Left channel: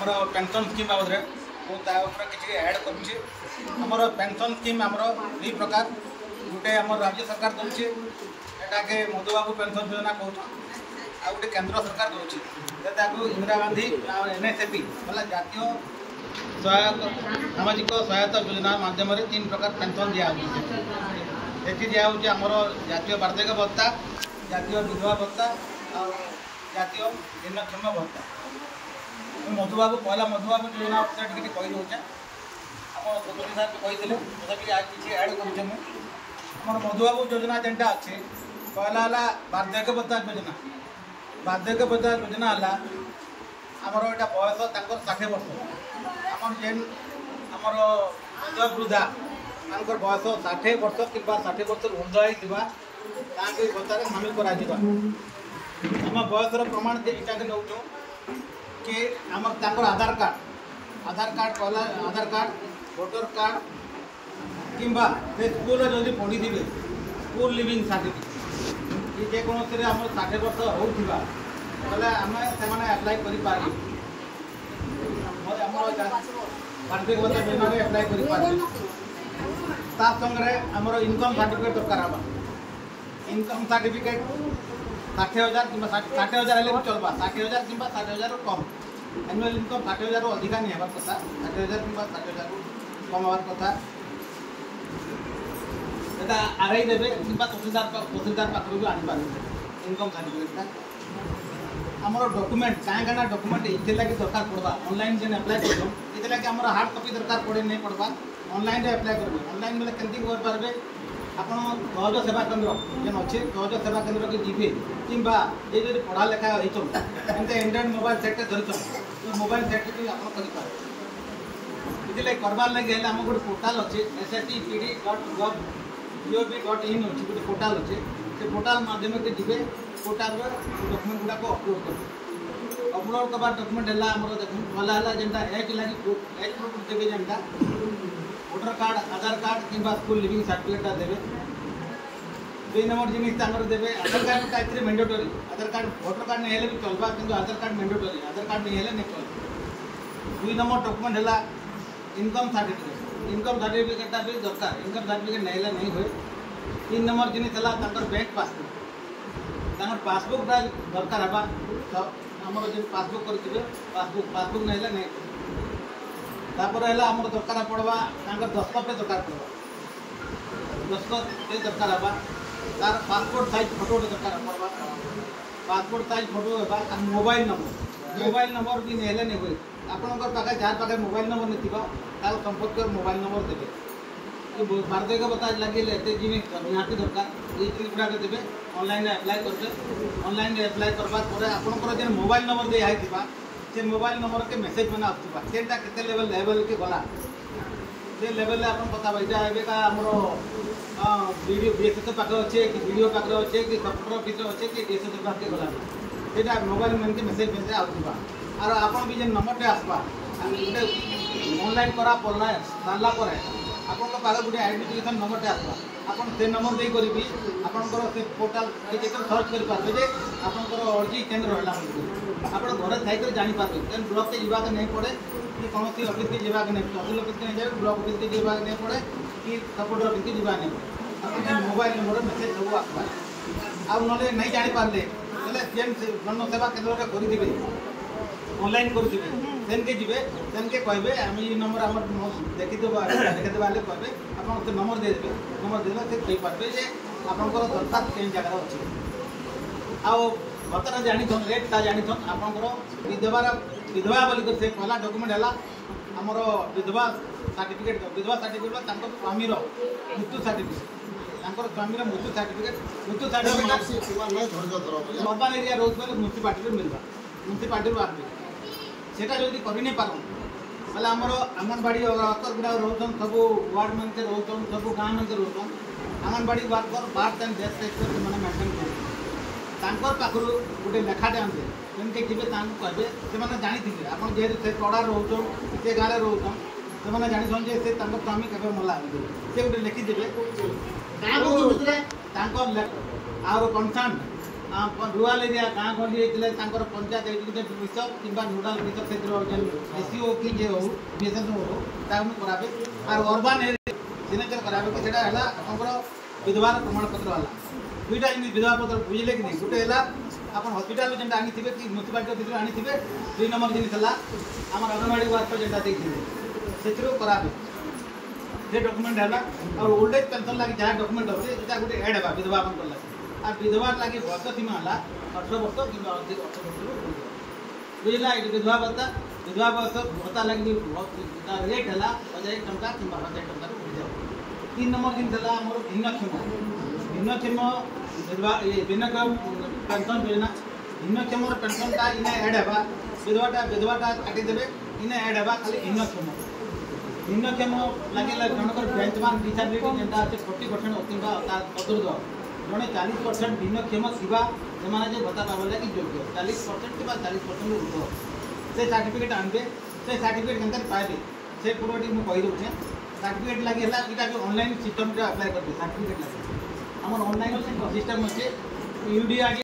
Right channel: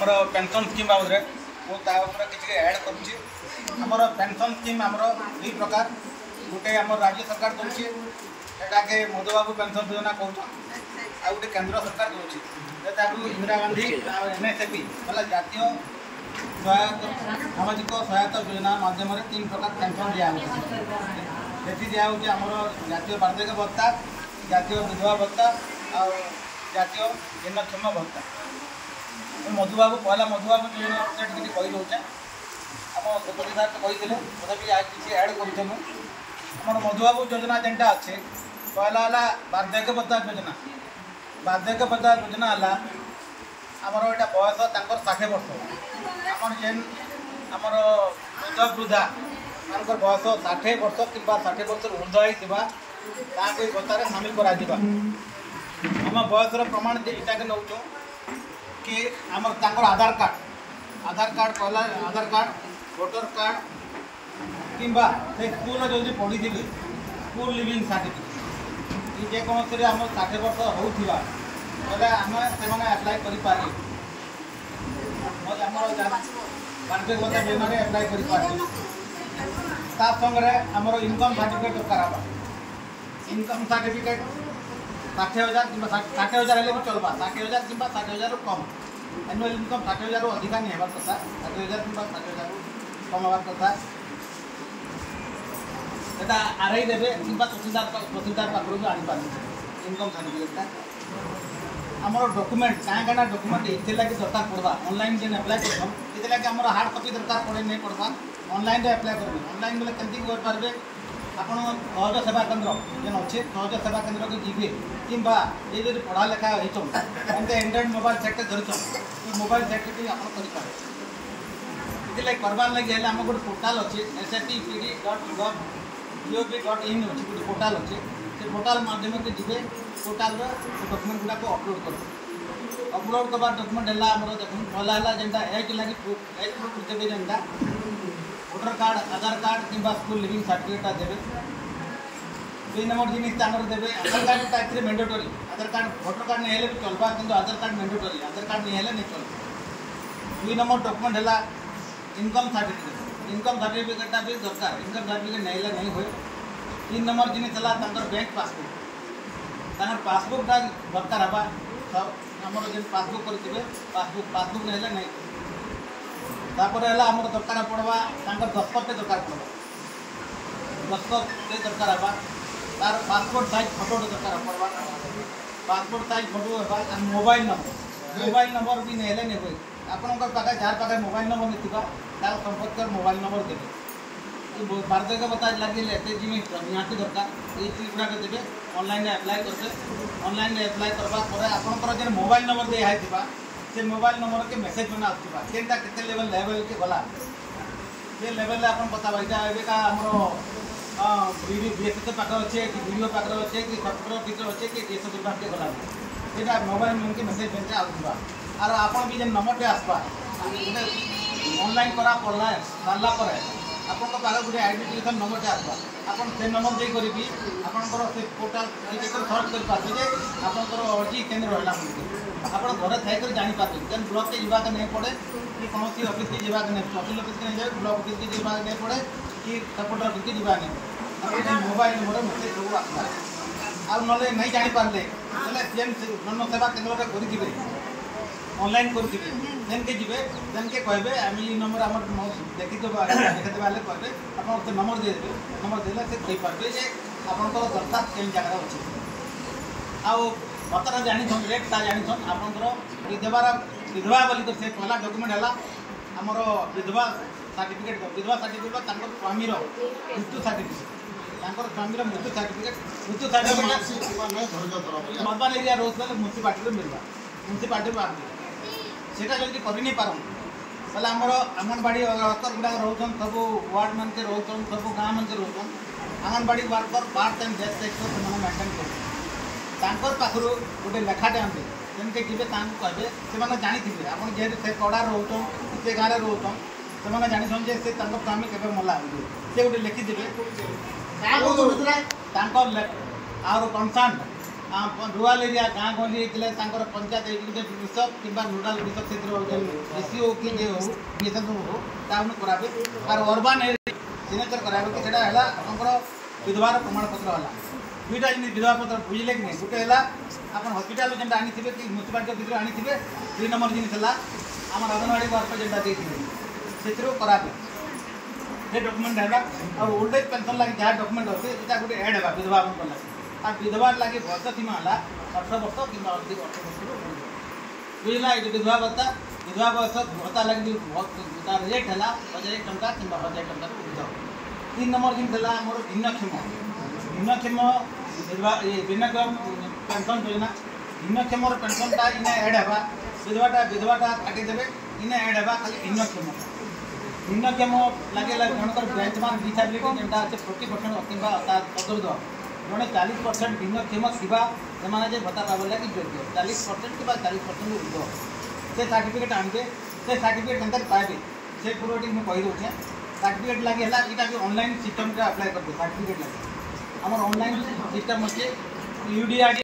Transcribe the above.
आमर pension scheme बाबद मुझे किसी ऐड कर पेंशन स्कीम आमर दुई प्रकार गोटे आम राज्य सरकार दूसरी एटाके मधुबाबू पेंशन योजना कहूँ आ गए केंद्र सरकार दूसरी इंदिरा गांधी NSAP मतलब जातीय सहायता सामाजिक सहायता योजना माध्यम 3 प्रकार पेंशन दिखाई दिखाऊँमर जातीय वार्षिक भत्ता जातीय विधवा भत्ता और जातीय भिन्नक्षम भत्ता मधुबाबू पहला मधुबाबू योजना कही दूचे आम गणपति साहब कही तथापि आज किसी ऐड करमर मधुबाबू योजना जेनटा अच्छे पहला है वार्धक्य भत्ता योजना वार्धक्य भत्ता योजना है आमर यहाँ बयस 60 वर्ष आमर जेन आमर वृद्ध वृद्धा मान बयस 60 वर्ष कि 60 वर्ष ऊर्ध होता भत्तार सामिल कर आम बयसर प्रमाण इटा के नौ कि आमर आधार कार्ड पहला आधार कार्ड वोटर कार्ड किंबा से स्कूल जो पढ़ी थे स्कूल लिविंग सर्टिफिकेट जेकोसी आम 60 वर्ष होता बोले आम से एप्लाय कर वार्षिक भत्ता योजना एप्लाय कर संगे आमर इनकम सर्टिफिकेट दरकार इनकम सर्टिफिकेट 60,000 कि 60,000 भी चलवा 60,000 कि 60,000 कम एनुअल इनकम 60,000 अधिका नहीं हमार कथा 60,000 कि 60,000 कम हमार कथा एटा आरआई देवे कि तहसीलदार पाखर भी आनीपार इनकम सर्टिफिकेटा आमर डॉक्यूमेंट क्या डॉक्यूमेंट ये लगे दरकार पड़वा ऑनलाइन जेन एप्लाय कर ये आमर हार्ड कॉपी दरकार पड़े नहीं पड़वा ऑनलाइन एप्लाय करेंगे ऑनलाइन बोले केमती करेंगे आप सहज सेवा केन्द्र जेन अच्छे सहज सेवा केन्द्र के जी कि ये जो पढ़ा लेखा होते एंड्रॉइड मोबाइल सेट धरी मोबाइल सेट भी आप करें करवार लगे आम गोटे पोर्टाल अच्छे sat.pd.gov.in अच्छे गोटे पोर्टाल अच्छे से पोर्टाल माध्यम के जी पोर्टाल डॉक्यूमेंट गुड़ाक अपलोड कर अपलोड करवा डॉक्यूमेंट है देखो पहला है जेनटा एज लगी एज प्रूफ देवे जेनटा वोटर कार्ड आधार कार्ड कि स्कूल लिविंग सर्टिफिकेटा देवे 2 नंबर जिनिस देवे आधार कार्ड टाइप मैंडेटरी आधार कार्ड वोटर कार्ड नहीं भी चलवा कि आधार कार्ड मैंडेटरी आधार कार्ड नहीं है नहीं चल 2 नंबर डॉक्यूमेंट है इनकम सर्टिफिकेटा भी दरकार इनकम सर्टिफिकेट नहीं नहीं हुए 3 नंबर जिनिस है बैंक पासबुकटा दरकार हवा आमर जो पासबुक करेंगे पासबुक नहीं नहीं तापर है आमर दरकार पड़वा दस्खत दरकार पड़वा दस्खत दरकार हवा तार पासपोर्ट साइज फोटो दरकार पड़वा पासपोर्ट साइज फोटो है मोबाइल नंबर भी नहीं हुए आपण पाखे जार पाखे मोबाइल नंबर नहीं था संपर्क कर मोबाइल नंबर देवे वार्धक्य भत्ता लगे एत जिनिस निहाती दरकार ये जिन गुड़ाक देवे ऑनलाइन एप्लाय करेंगे ऑनलाइन एप्लाय करवापर आपंकर जो मोबाइल नंबर दिखाई से मोबाइल नंबर के मेसेज मैंने आसुवा केनटा केते लेवल के गला से लेवल आप बतावा यहाँ एवं आमर वीडियो बीएसएस पाखे अच्छे कि वीडियो पाखे अच्छे कि सफ्टवेयर ऑफिस अच्छे कि डीएसएस पाखे गला सेटा मोबाइल मन के मेसेज मेसेज आसुवा और आप भी जो नंबर आसवा गोटे ऑनलाइन करा पड़ला सारापर आप गोटे आइडेंटिफिकेशन नंबर आसवा आप से नंबर दे करी आपंकर से पोर्टाल सर्च करेंगे आपंकर अर्जी केन्द्र है आप घर थी जानीपारे जेन ब्लॉक के जावाक नहीं पड़े कि कौन सी ऑफिस के जावाक नहीं तहसील ऑफिस के नहीं जाए ब्लॉक ऑफिस के जावाक नहीं पड़े कि सपोर्टर ऑफिस के जावाक नहीं पड़े आप मोबाइल नंबर मेसेज सब आसला आउ ना नहीं जानीपारे जेन जन सेवा केन्द्र करेंगे ऑनलाइन करेंगे देन के जी देन के कहे आम ये नंबर आम देखीदेवा देखेदेवा कहे आप नंबर देदेवे नंबर देला से कहींपारे जे आपंकर दरखास्त कई जगार अच्छे आउ भत्ता जानी रेटा जानी आपंकर विधवा बोलिक से पहला डॉक्यूमेंट है आमर विधवा सर्टिफिकेट स्वामीर मृत्यु सर्टिफिकेट स्वामीर मृत्यु सर्टिफिकेट अर्बान एरिया रोज म्यूनिसिपालिटी मिलवा म्यूनिसिपालिटी आसवे सेटा जदि कर नहीं पार बोले आमर आंगनबाड़ी वर्कर गुड़ा रोचन सब वार्ड मन के रोचन सब गाँव मन के रोचन anganwadi worker birth and death certificate से मेंटेन कर पाखर गोटे लेखाटे आनते जेनके जी कहे से जानी आप जेहतु से पड़ा रोचन कि से गाँव रोचन से जानी से स्वामी के मला से गोटे लिखिदे आर कनसर्न रूराल एरिया गाँ गहली होते पंचायत एग्जीक्यूटिव ऑफिसर कि नोडाल ऑफिसर से एसईओ कि जे हो बीएसएफ हो करावे और अर्बान एरिया सिग्नेचर करावे कि सेटा विधवार प्रमाण पत्र है दुईटा विधवा पत्र बुझे कि नहीं गोटे है आप हस्पिटाल जेनटा आनी कि म्यूनिसिपालिटी ऑफिस आनी 2 नंबर जिन आम अंगनवाड़ी वर्कर जेनटा देखिए से करावे से डॉक्यूमेंट है और ओल्ड एज पेंशन लगे जहाँ डॉक्यूमेंट अच्छे ये गोटे एड है विधवा लगे और विधवार लगे बयस सीमा है 18 वर्ष कि 18 वर्ष बुझला ये विधवा बयस भत्ता लगे रेट है 1000 टंका कि 1000 टंकार ऊर्ध 3 नंबर जिन आम भिन्नक्षम विधवा भिन्नक्षम पेंशन योजना भिन्नक्षम पेंशनटा इना एड है विधवाटा काटिदेवे इना एड है खाली भिन्नक्षम लगे जनकर बेंचमार्क डिसेबिलिटी जेनटा अच्छे 40% कि तदुर्ध जड़े 40% भिन्नक्षम से भत्ता पावे लगे योग्य 40% कि 40% ऊर्ध से सर्टिफिकेट आनबे से सर्टिफिकेट केन्ता पाइबे से पूर्वटी मुझे कहीदे सर्टिफिकेट लगे यहाँ जो ऑनलाइन सिस्टम अप्लाई करते सर्टिफिकेट लगे आम ऑनलाइन सिस्टम अच्छे यूडीआर